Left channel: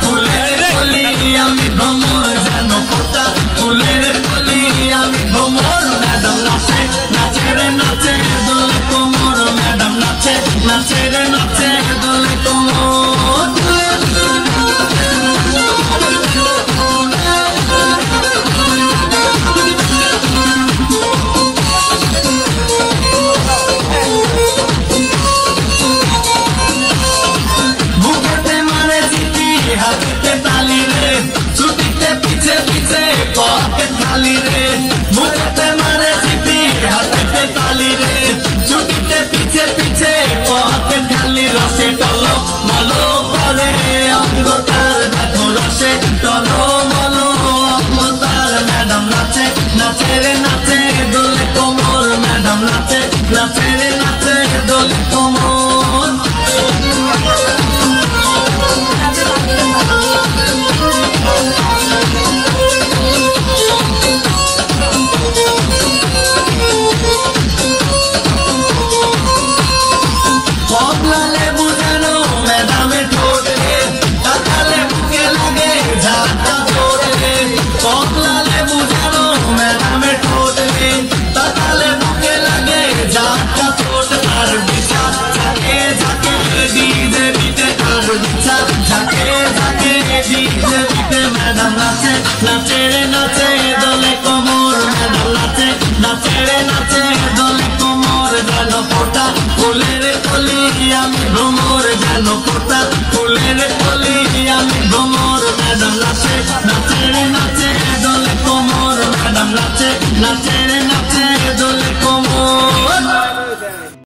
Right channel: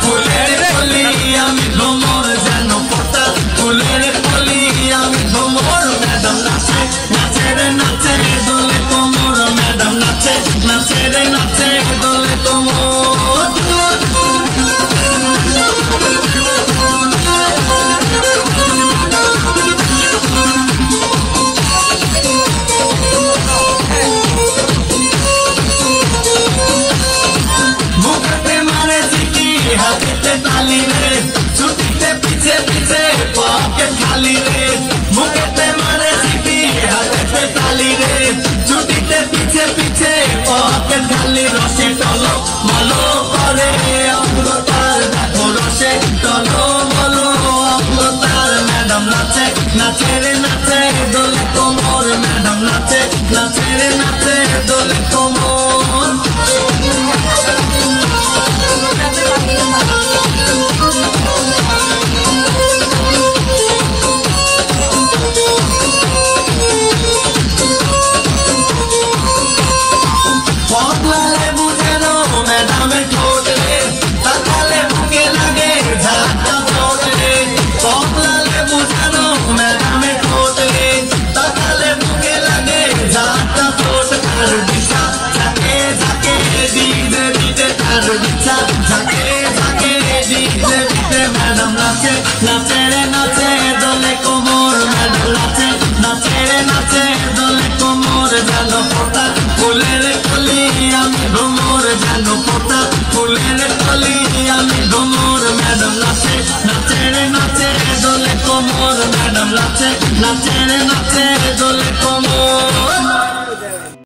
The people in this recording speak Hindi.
ফুলের কলি আমি ভ্রমর যেন ফোটা ফুলের কলি আমি ভ্রমর ম্যাডাম নাচে নাচে রে নাচে দোলে কোমর ম্যাডাম নাচে নাচে রে নাচে দোলে কোমর हाथे ताली रे छुट्टी पीछे पीछे पॉकेट खाली रे मुझे पे मारे सीटी हाथे ताली रे छुट्टी पीछे पीछे पॉकेट खाली रसे टलो मलो करे अमृतार देखो रसे टलो मलो अमृतार मैडम नाचे नाचे रे नाचे दोले कोमर मैडम नाचे नाचे रे नाचे दोले कोमर Not